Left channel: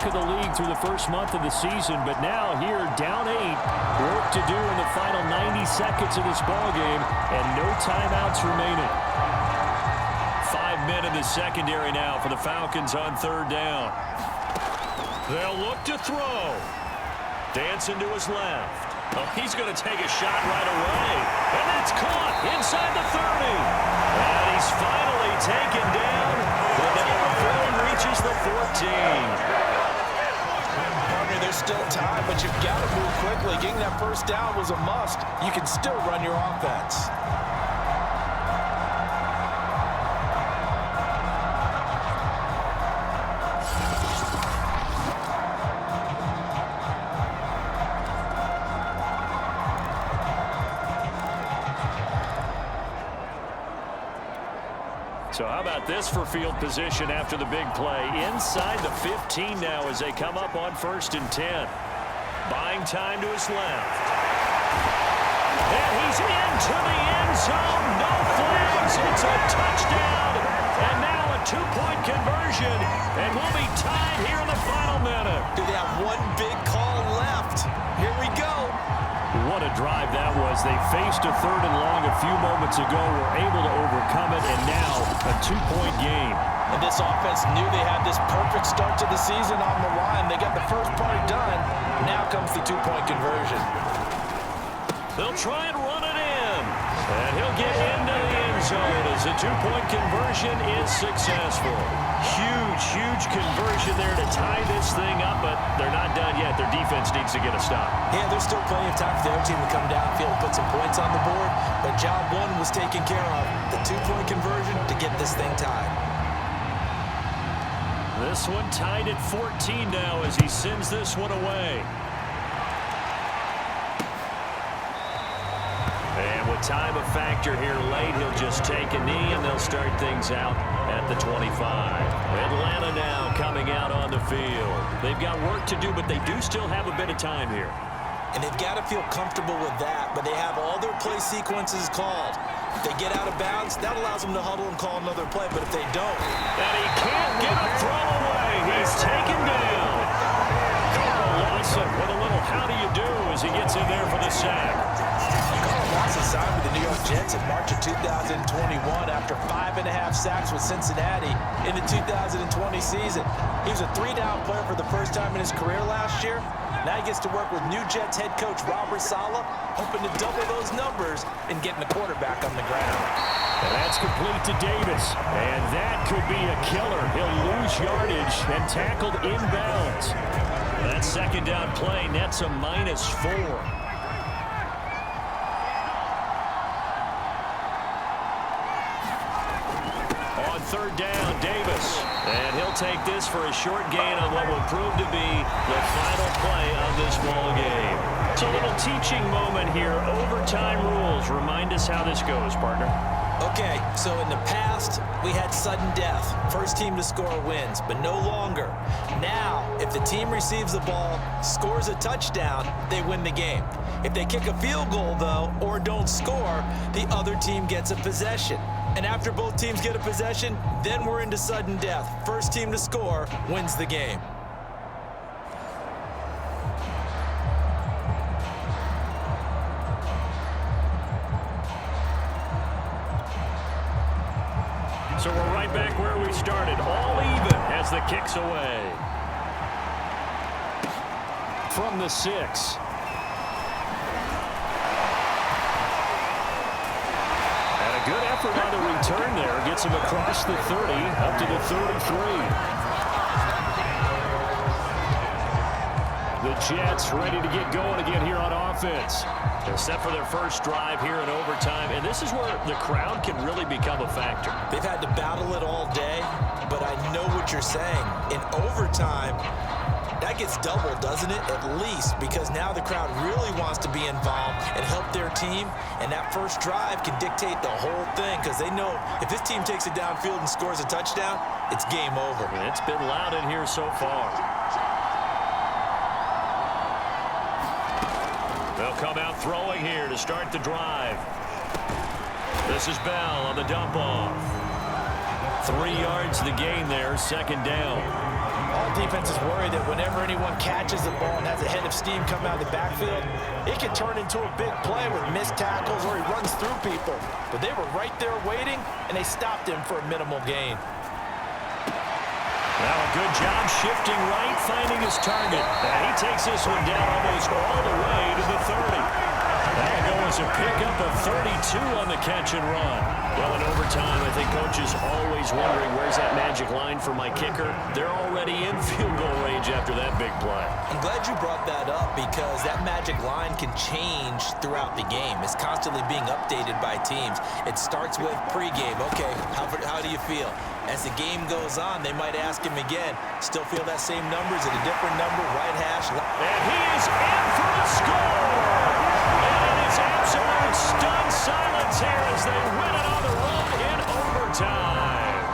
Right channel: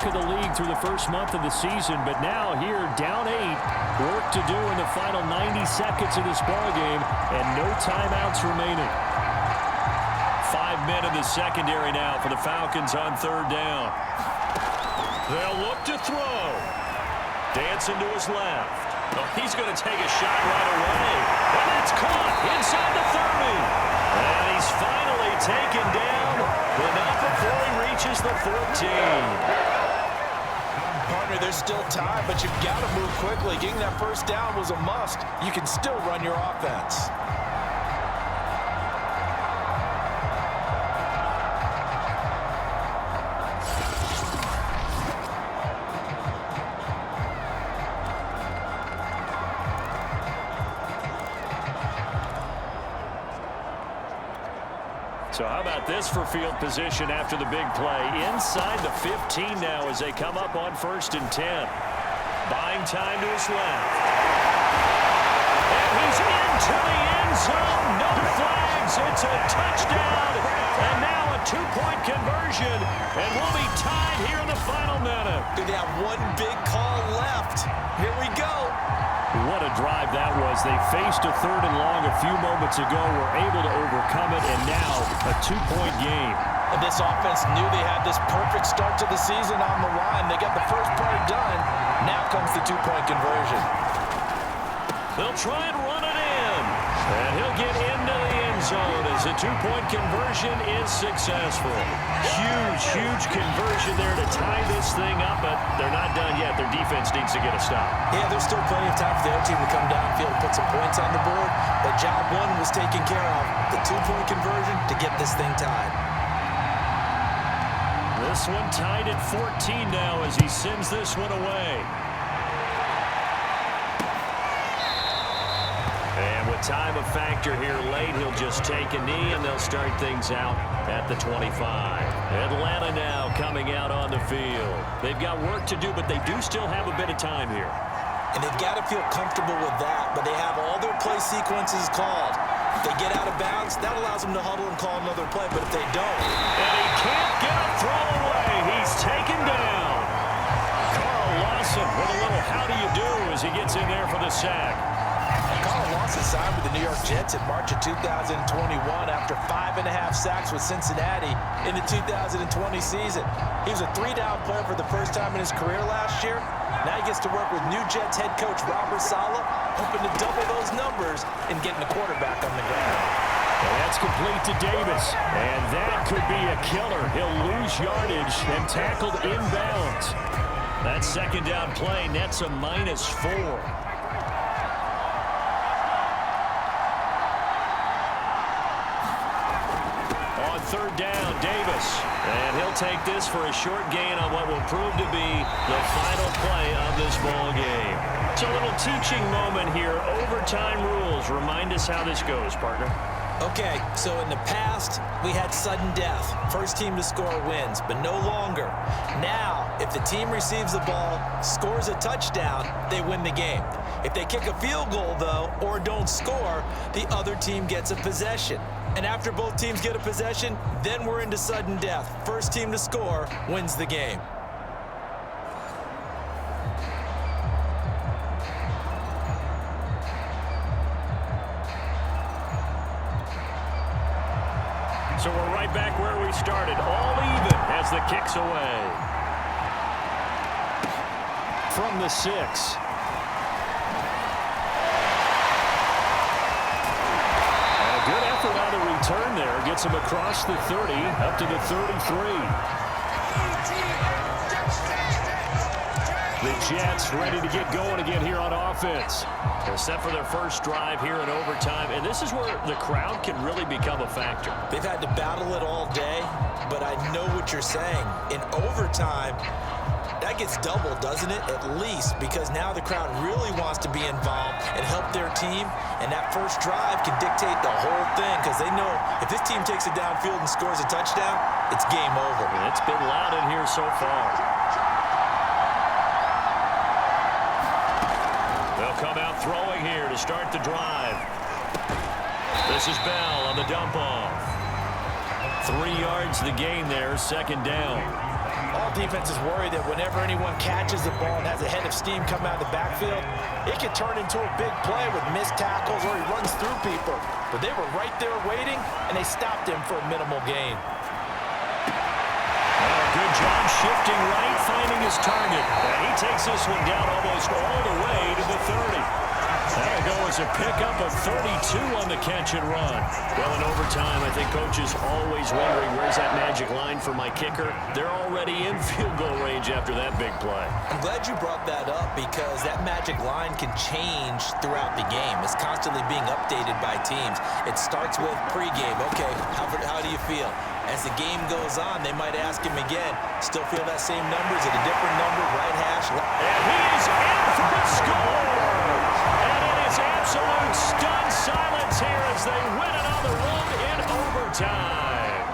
talk of the league through the first month of the season, but now here, down 8, work to do in the final 90 seconds of this ball game, and no timeouts remaining. 5 men in the secondary now for the Falcons on 3rd down. They'll look to throw. Dancing to his left. Oh, he's going to take a shot right away. And that's caught inside the 30. And he's finally taken down, but not before he reaches the 14. Partner, there's still time, but you've got to move quickly. Getting that first down was a must. You can still run your offense. So how about this for field position after the big play? Inside the 15 now as they come up on 1st and 10. Buying time to his left. And he's into the end zone. No flags. It's a touchdown. And now a 2-point conversion. And we'll be tied here in the final minute. Do they have one big call left? Here we go. What a drive that was. They faced a 3rd and long a few moments ago, were able to overcome it, and now a 2-point game. And this offense knew they had this perfect start to the season on the line. They got the first part done. Now comes the 2-point conversion. They'll try and run it in. And he'll get into the end zone as the 2-point conversion is successful. Huge conversion there to tie this thing up, but they're not done yet. Their defense needs to get a stop. Yeah, there's still plenty of time for the other team to come downfield and put some points on the board, but job 1 was taken care of. The 2-point conversion to get this thing tied. This one tied at 14 now as he sends this one away. And with time a factor here late, he'll just take a knee, and they'll start things out at the 25. Atlanta now coming out on the field. They've got work to do, but they do still have a bit of time here. And they've got to feel comfortable with that, but they have all their play sequences called. If they get out of bounds, that allows them to huddle and call another play, but if they don't... And he can't get a throw away. He's taken down. Carl Lawson with a little how do you do as he gets in there for the sack. Carl Lawson signed with the New York Jets in March of 2021 after 5.5 sacks with Cincinnati in the 2020 season. He was a 3-down player for the first time in his career last year. Now he gets to work with New Jets head coach Robert Saleh, hoping to double those numbers and getting the quarterback on the ground. And that's complete to Davis, and that could be a killer. He'll lose yardage and tackled inbounds. That 2nd down play nets a -4. On 3rd down, Davis. And he'll take this for a short gain on what will prove to be the final play of this ball game. It's a little teaching moment here. Overtime rules. Remind us how this goes, partner. Okay, so in the past, we had sudden death. First team to score wins, but no longer. Now, if the team receives the ball, scores a touchdown, they win the game. If they kick a field goal, though, or don't score, the other team gets a possession. And after both teams get a possession, then we're into sudden death. First team to score wins the game. So we're right back where we started, all even as the kick's away. From the 6. And a good effort on the return there. Gets him across the 30, up to the 33. The Jets ready to get going again here on offense. They're set for their first drive here in overtime, and this is where the crowd can really become a factor. They've had to battle it all day, but I know what you're saying. In overtime, that gets doubled, doesn't it? At least, because now the crowd really wants to be involved and help their team, and that first drive can dictate the whole thing because they know if this team takes it downfield and scores a touchdown, it's game over. And it's been loud in here so far. They'll come out throwing here to start the drive. This is Bell on the dump off. 3 yards the gain there, 2nd down. All defenses worry that whenever anyone catches the ball and has a head of steam come out of the backfield, it can turn into a big play with missed tackles or he runs through people. But they were right there waiting, and they stopped him for a minimal gain. Well, a good job shifting right, finding his target. And he takes this one down almost all the way to the 30. That'll go as a pickup of 32 on the catch and run. Well, in overtime, I think Coach is always wondering, where's that magic line for my kicker? They're already in field goal range after that big play. I'm glad you brought that up because that magic line can change throughout the game. It's constantly being updated by teams. It starts with pregame. Okay, how do you feel? As the game goes on, they might ask him again, still feel that same number? Is it a different number? Right hash? And he is in for the score! And it is absolute stunned silence here as they win it on the road in overtime.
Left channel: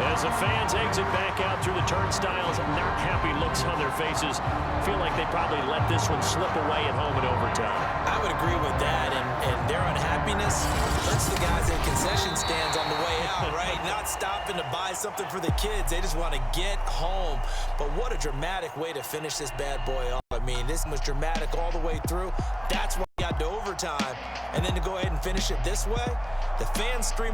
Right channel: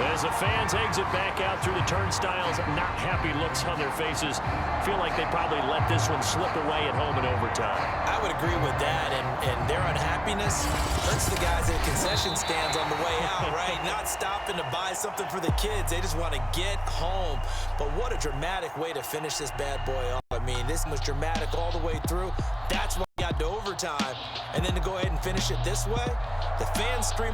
As the fans exit back out through the turnstiles, not happy looks on their faces. Feel like they probably let this one slip away at home in overtime. I would agree with that, and their unhappiness hurts the guys at concession stands on the way out, right? Not stopping to buy something for the kids. They just want to get home. But what a dramatic way to finish this bad boy off. I mean, this was dramatic all the way through. That's why we got to overtime. And then to go ahead and finish it this way, the fans stream